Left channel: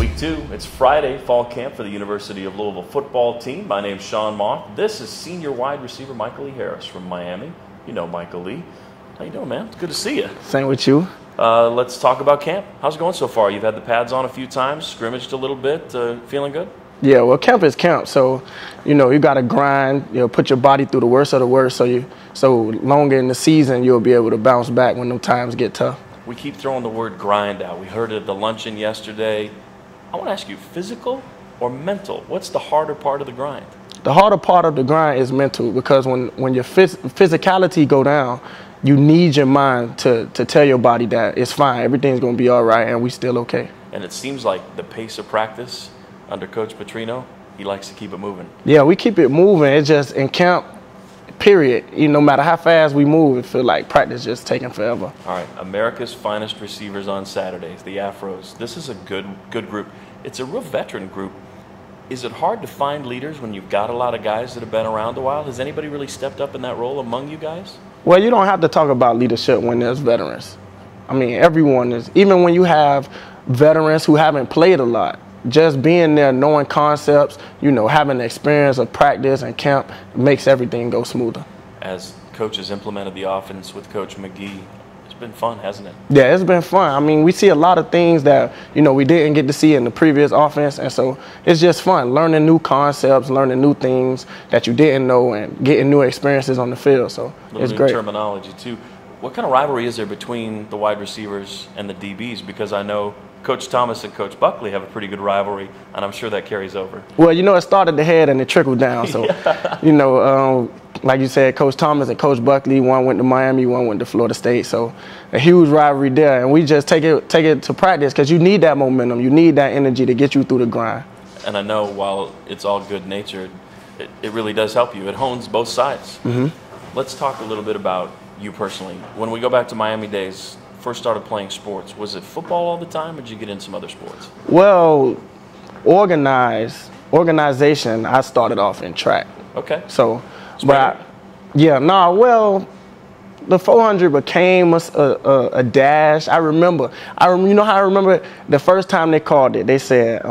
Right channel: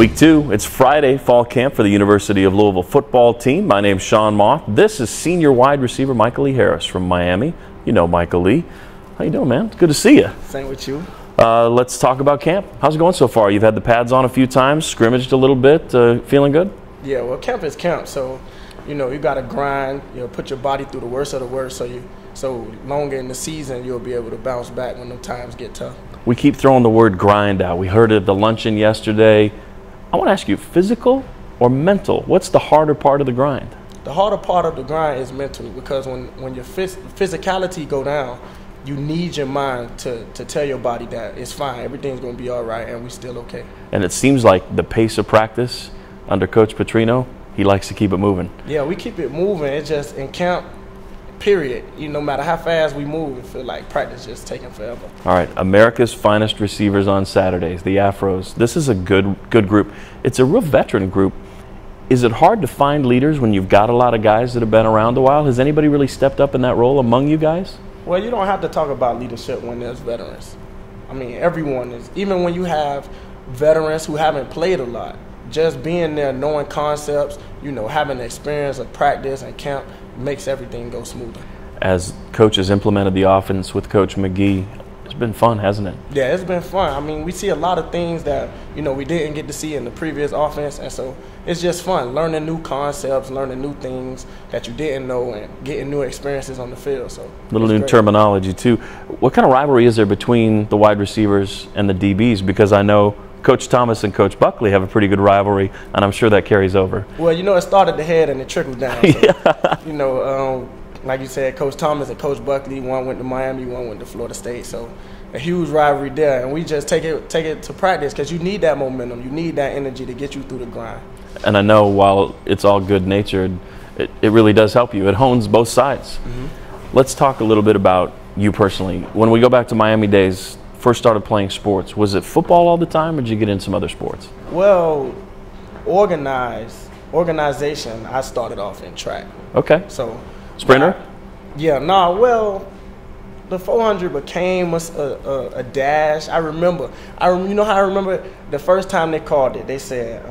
Week 2, it's Friday, fall camp for the University of Louisville football team. My name's Sean Moth. This is senior wide receiver Michaelee Harris from Miami. You know Michaelee. How you doing, man? It's good to see you. Same with you. Let's talk about camp. How's it going so far? You've had the pads on a few times, scrimmaged a little bit. Feeling good? Yeah, well, camp is camp, so you got to grind. Put your body through the worst of the worst, so longer in the season you'll be able to bounce back when the times get tough. We keep throwing the word grind out. We heard it at the luncheon yesterday. I want to ask you, physical or mental? What's the harder part of the grind? The harder part of the grind is mental, because when your physicality go down, you need your mind to tell your body that it's fine, everything's going to be all right, and we still okay. And it seems like the pace of practice under Coach Petrino, he likes to keep it moving. Yeah, we keep it moving. It's just in camp, period. No matter how fast we move, it feels like practice just taking forever. All right, America's finest receivers on Saturdays, the Afros. This is a good group. It's a real veteran group. Is it hard to find leaders when you've got a lot of guys that have been around a while? Has anybody really stepped up in that role among you guys? Well, you don't have to talk about leadership when there's veterans. I mean, everyone is. Even when you have veterans who haven't played a lot, just being there, knowing concepts, having the experience of practice and camp makes everything go smoother. As coaches implemented the offense with Coach McGee, it's been fun, hasn't it? Yeah, it's been fun. I mean, we see a lot of things that, we didn't get to see in the previous offense, and so it's just fun, learning new concepts, learning new things that you didn't know, and getting new experiences on the field. So a little new terminology, too. What kind of rivalry is there between the wide receivers and the DBs? Because I know Coach Thomas and Coach Buckley have a pretty good rivalry, and I'm sure that carries over. Well, it started the head and it trickled down. So, yeah. Like you said, Coach Thomas and Coach Buckley, one went to Miami, one went to Florida State. So a huge rivalry there, and we just take it to practice, because you need that momentum, you need that energy to get you through the grind. And I know while it's all good-natured, it really does help you. It hones both sides. Mm-hmm. Let's talk a little bit about you personally. When we go back to Miami days, first started playing sports, was it football all the time, or did you get into some other sports? Well, organization, I started off in track. Okay. So sprinter? The 400 became a dash. I remember the first time they called it, they said,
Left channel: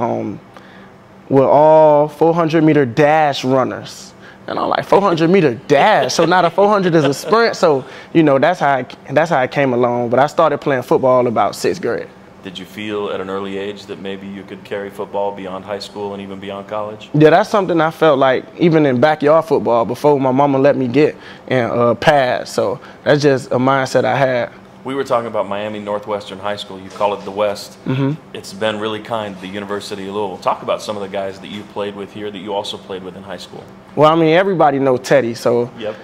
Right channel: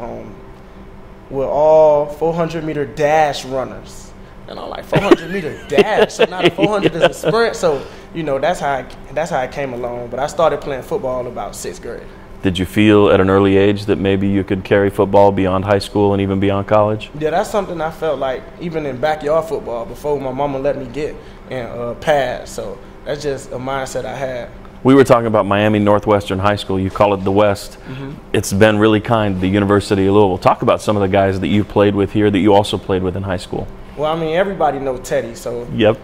we're all 400-meter dash runners. And I'm like, 400-meter dash? So now the 400 is a sprint. So, that's how it came along. But I started playing football about 6th grade. Did you feel at an early age that maybe you could carry football beyond high school and even beyond college? Yeah, that's something I felt like even in backyard football before my mama let me get and pads. So that's just a mindset I had. We were talking about Miami Northwestern High School. You call it the West. Mm-hmm. It's been really kind to the University of Louisville. Talk about some of the guys that you played with here that you also played with in high school. Well, I mean, everybody knows Teddy. So, yep.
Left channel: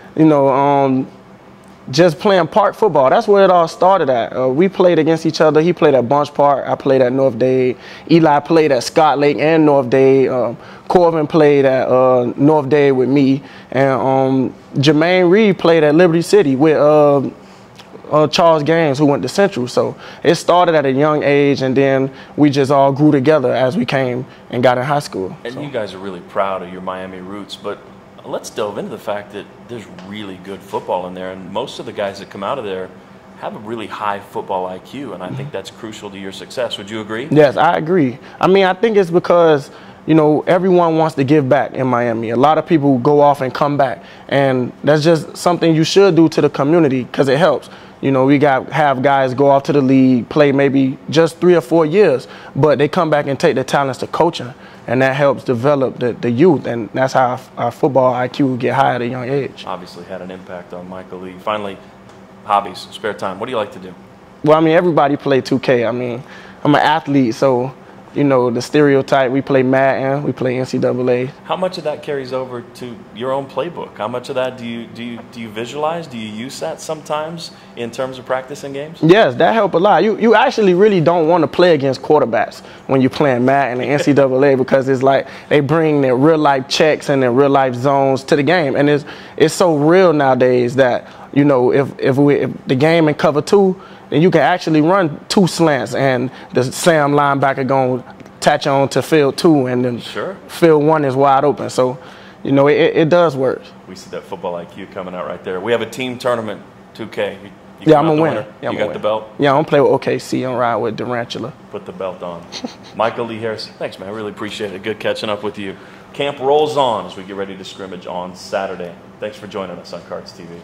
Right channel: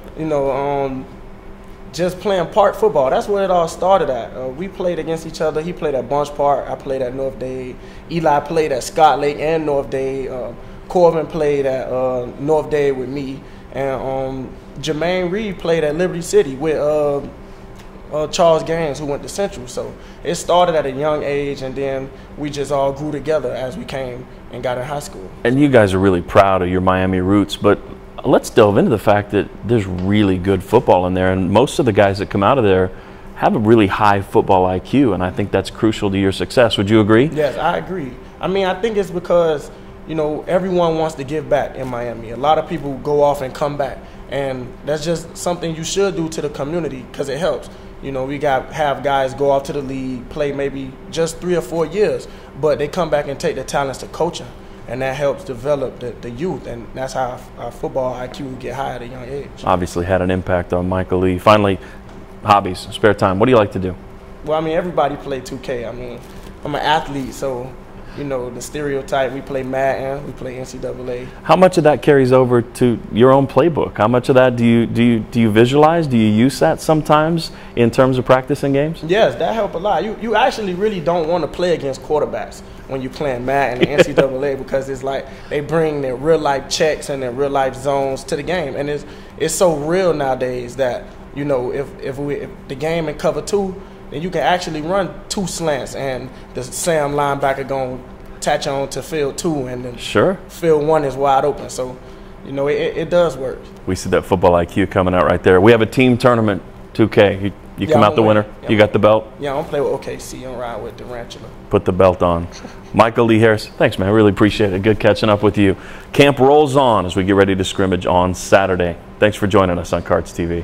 Just playing park football, that's where it all started at. We played against each other. He played at Bunch Park. I played at North Dade. Eli played at Scott Lake and North Dade. Corvin played at North Dade with me. And Jermaine Reed played at Liberty City with Charles Gaines, who went to Central. So it started at a young age, and then we just all grew together as we came and got in high school. And you guys are really proud of your Miami roots, but let's delve into the fact that there's really good football in there, and most of the guys that come out of there have a really high football IQ, and I think that's crucial to your success. Would you agree? Yes, I agree. I mean, I think it's because, everyone wants to give back in Miami. A lot of people go off and come back, and that's just something you should do to the community, because it helps. We have guys go off to the league, play maybe just 3 or 4 years, but they come back and take their talents to coaching. And that helps develop the youth, and that's how our football IQ get high at a young age. Obviously had an impact on Michaelee. Finally, hobbies, spare time. What do you like to do? Well, I mean, everybody play 2K. I mean, I'm an athlete, so, the stereotype, we play Madden, we play NCAA. How much of that carries over to your own playbook? How much of that do you visualize? Do you use that sometimes in terms of practicing games? Yes, that helps a lot. You actually really don't want to play against quarterbacks when you're playing Madden and NCAA, because it's like they bring their real-life checks and their real-life zones to the game. And it's so real nowadays that, if the game in cover 2, then you can actually run 2 slants, and the Sam linebacker going to attach on to field 2, and then sure, field 1 is wide open. So, it does work. We see that football IQ coming out right there. We have a team tournament, 2K. You come out the winner. Yeah, you got the belt. Yeah, I'm gonna play with OKC. I'm riding with Durantula. Put the belt on. Michaelee Harris, thanks, man. I really appreciate it. Good catching up with you. Camp rolls on as we get ready to scrimmage on Saturday. Thanks for joining us on Cards TV.